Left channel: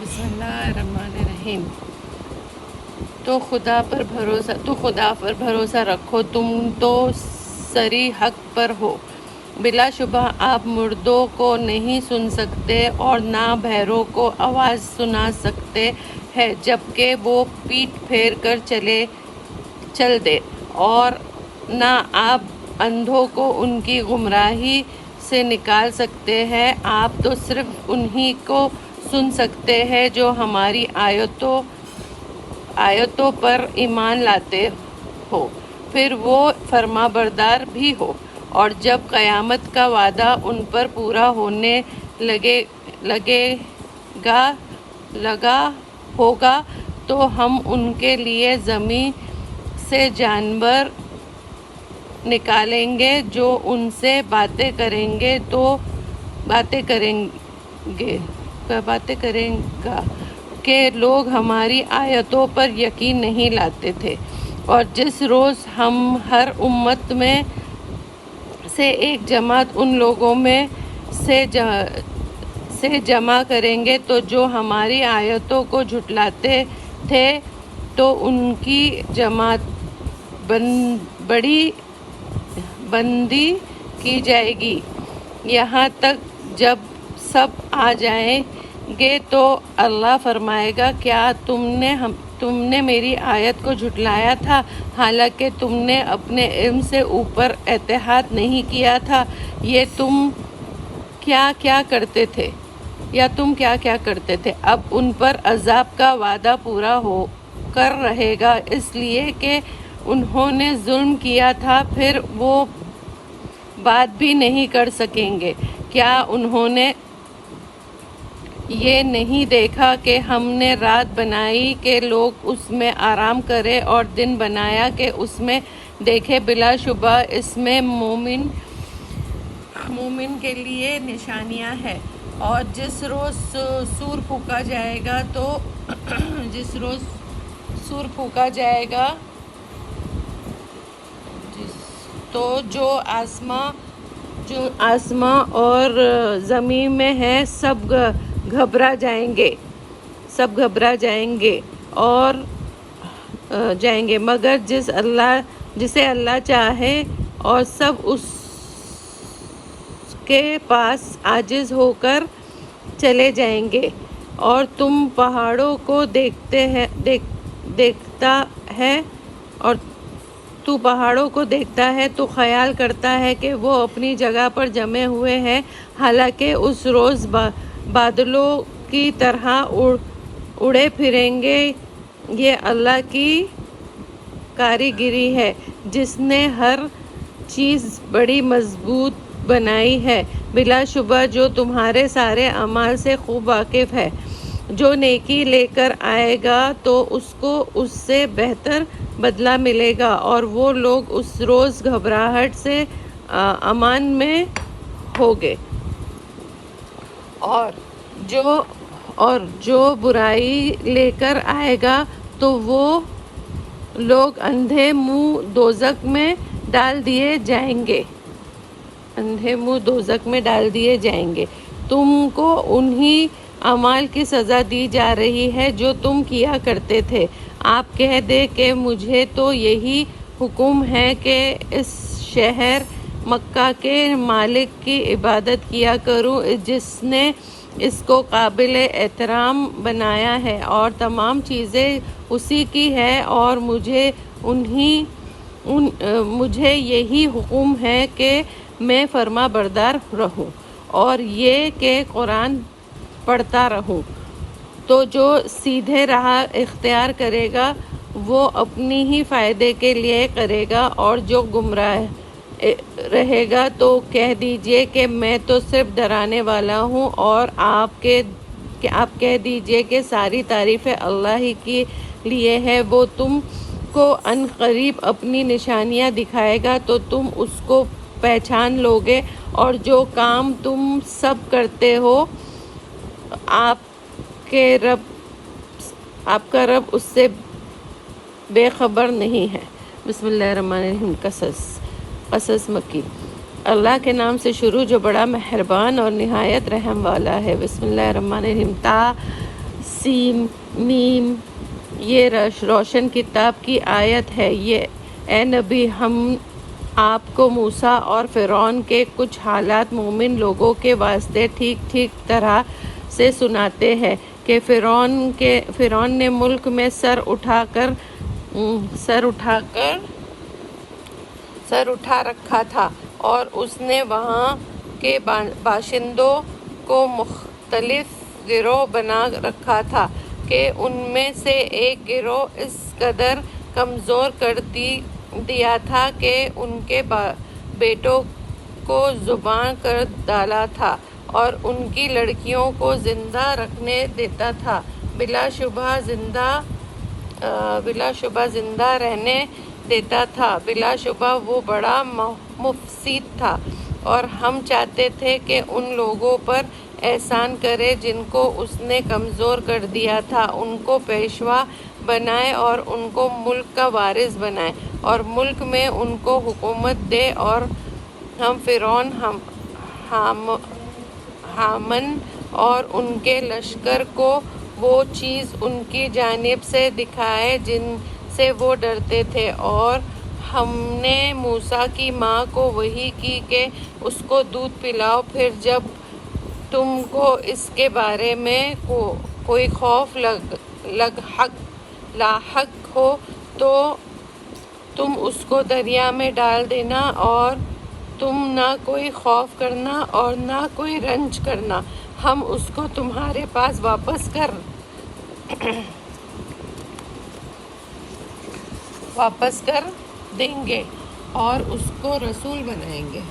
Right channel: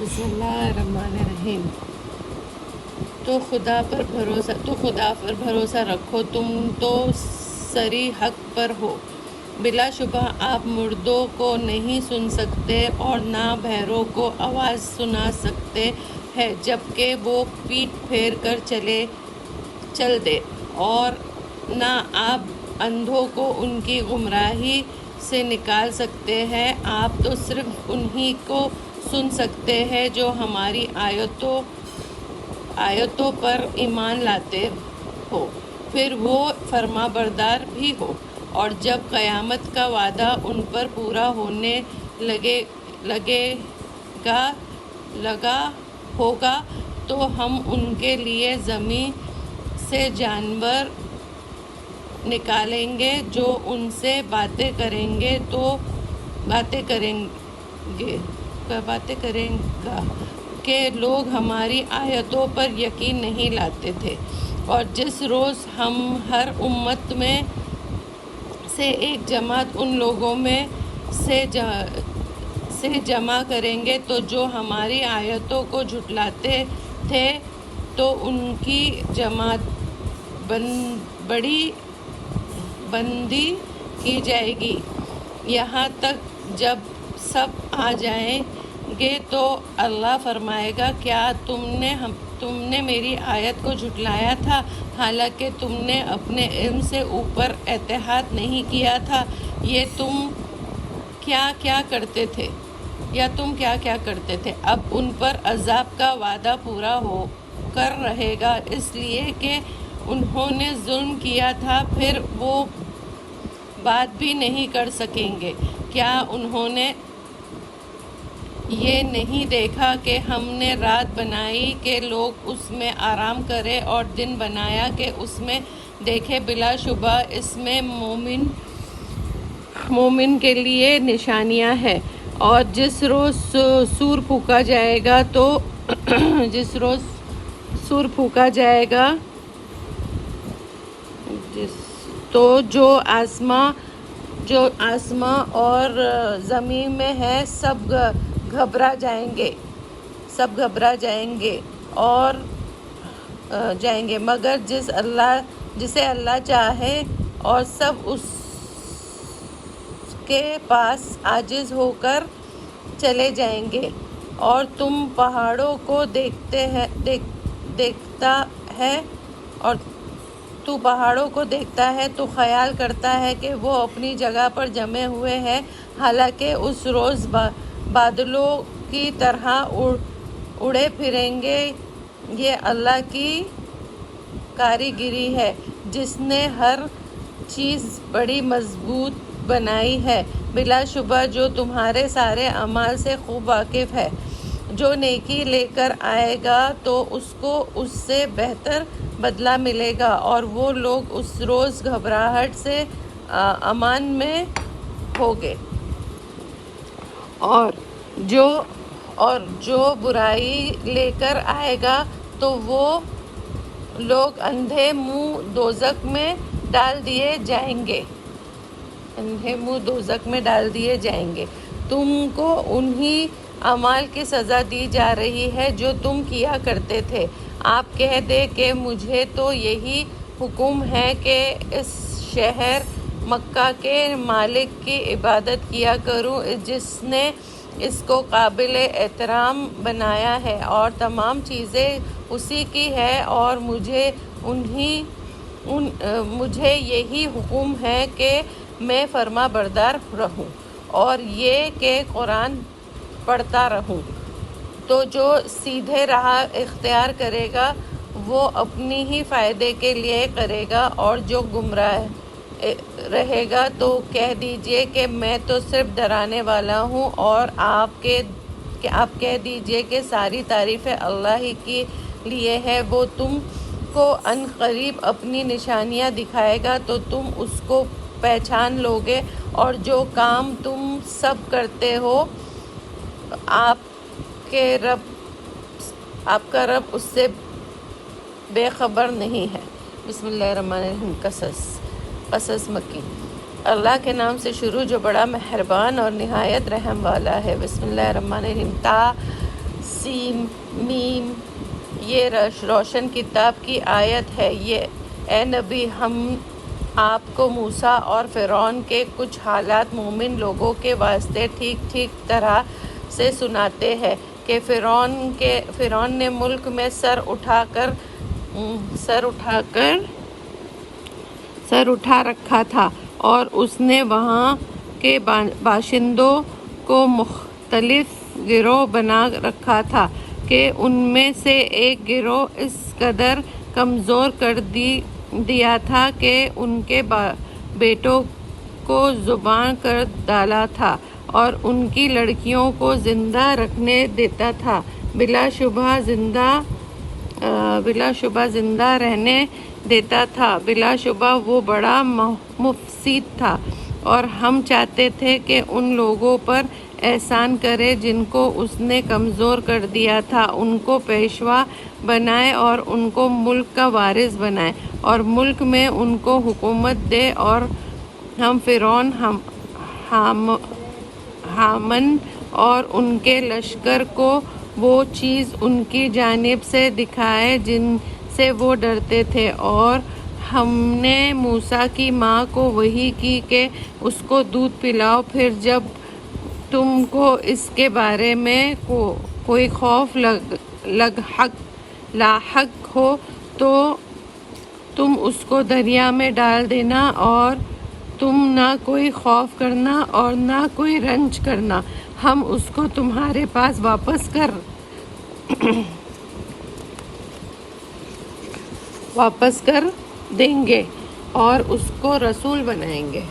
بسم اللہ الرحمن الرحیم۔ تو خدا پر بھروسہ رکھو، تم تو سری حق پر ہو۔ بلا شبہ آپ مردوں کو نہیں سن سکتے اور نہ بہروں کو آواز سنا سکتے ہیں جبکہ وہ پیٹ پھیر کر چل دے، اور نہ آپ اندھوں کو ان کی گمراہی سے نکال سکتے ہیں۔ آپ تو صرف انہی کو سن سکتے ہیں جو ہماری آیتوں پر ایمان لاتے ہو، پھر وہ فرما بردار بھی ہو۔ اور جب قیامت کا وعدہ ان پر پورا ہونے لگا ہوگا تو ہم ان کے لیے زمین سے جانور نکالیں گے جو ان سے باتیں کریں گا کہ لوگ ہماری آیتوں پر یقین نہیں لاتے تھے۔ اور جس روز ہم ہر امت میں سے ایک جماعت ان لوگوں میں سے جمع کریں گے تو جو ہماری آیتوں کو جھٹلاتے تھے تو ان کی جماعت بندی کی جائے گی، یہاں تک جب سب آ جائیں گے تو اللہ فرمائے گا کیا تم نے میری آیت کو جھٹلایا تھا حالانکہ تم نے اپنے علم سے اوپر اجتہاد نہیں کیا تھا، تم کیا کیا کرتے تھے۔ اب ان پر عذاب کا وعدہ پورا ہو کر رہے گا اس لیے کہ انہوں نے ظلم کیا تھا، پھر وہ بات بھی نہیں کر سکیں گے۔ کیا انہوں نے یہ نہیں دیکھا کہ ہم نے رات بنائی کہ لوگ اس میں آرام کریں اور دن بنایا کہ اس میں دیکھیں، بلا شبہ اس میں مومن کے لیے نشانیاں ہیں۔ اور جس روز سور پھونکا جائے گا تو جو آسماں اور زمین میں ہے سب گھبرا جائیں گے مگر جسے اللہ چاہے، اور سب اس کے پاس عاجز ہو کر چلے جائیں گے۔ اور تم پہاڑوں کو دیکھتا ہے تو خیال کرتا ہے کہ وہ اپنی جگہ پر جمے ہوئے ہیں، حالانکہ اس روز بادلوں کی طرح اڑے پھریں گے۔ یہ اللہ کی کاریگری ہے جس نے ہر چیز بڑی مضبوط بنائی ہے، بلا شبہ جو تمہارے سارے اعمال سے خوب واقف ہے۔ جو نیکی لے کر آئے گا تو اس کو اس سے بہتر بدلہ ملے گا، اور وہ لوگ اس روز گھبراہٹ سے امان میں ہوگے۔ اور جو برائی لے کر آئے گا تو وہ لوگ اندھے منہ دوزخ میں ڈال دیے جائیں گے۔ تم کو انہی اعمال کی سزا دی جا رہی ہے جو تم کیا کرتے تھے۔ آپ کہہ دیں کہ مجھے تو یہی حکم ہے کہ اس شہر مکہ کے مالک کی عبادت کیا کروں جس نے اس کو قابل احترام بنایا ہے، اور تمام چیزیں اسی کی ہے، اور مجھے یہی حکم ہے کہ میں فرما بردار رہوں اور یہ کہ قرآن پڑھتا رہوں۔ تو جو سیدھے راہ اختیار کرے گا وہ اپنی ہی فائدے کے لیے کرے گا، اور جو گمراہ رہے گا تو کہہ دیجئے کہ میں تو صرف ڈرانے والا ہوں، اور آپ کہہ دیجئے کہ ساری تعریفیں اللہ ہی کے لیے ہے۔ وہ تم کو ان قریب اپنی نشانیاں دکھائے گا تو تم اس کو پہچان لوگے، اور جو کام تم سب کرتے ہو آپ کا رب اس سے بے خبر نہیں ہے۔ بسم اللہ الرحمن الرحیم۔ قصص مکی۔ اللہ کے نام سے شروع جو بڑا مہربان اور نہایت رحم والا ہے۔ بسم اللہ الرحمن الرحیم۔ سین میم یہ روشن کتاب کی آیت ہے۔ یہ اے نبی ہم آپ کو موسیٰ اور فرعون کے کچھ حالات مومن لوگوں کے واسطے ٹھیک ٹھیک طرح سے سناتے ہیں کہ فرعون نے ملک میں سر اٹھا رکھا تھا اور اس نے وہاں کے باشندوں کو مختلف گروہ بنا رکھا تھا کہ ان میں سے ایک گروہ اس قدر کمزور کر دیا تھا کہ ان کے بیٹوں کو ذبح کر ڈالا تھا اور ان کی لڑکیوں کو زندہ رکھنے دیتا تھا، بلا شبہ زندہ رہنے دیتا تھا، بلا شبہ وہ بڑا مفسد تھا۔ اور ہم چاہتے تھے کہ ان لوگوں پر احسان کرے جن کو اس نے کمزور کر دیا تھا، ان کو پیشوا بنائے اور ان کو ملک کا وارث بنائے اور ملک میں ان کو حکومت دے، اور ہم فرعون، ہامان اور ان کے لشکر کو وہ چیز ان کی جانب سے دکھائے جن سے وہ ڈرتے تھے، اور ہم نے موسیٰ کی ماں کو وحی کی کہ اس کو دودھ پلاؤ، پھر جب تم کو اس کے بارے میں کوئی خوف لاحق ہو تو تم اس کو دریا میں ڈال دینا، اور تم نہ کوئی خوف کرنا اور نہ کوئی رنج کرنا، ہم اس کو تمہارے پاس واپس کر دیں گے اور اس کو رسول بنائیں گے۔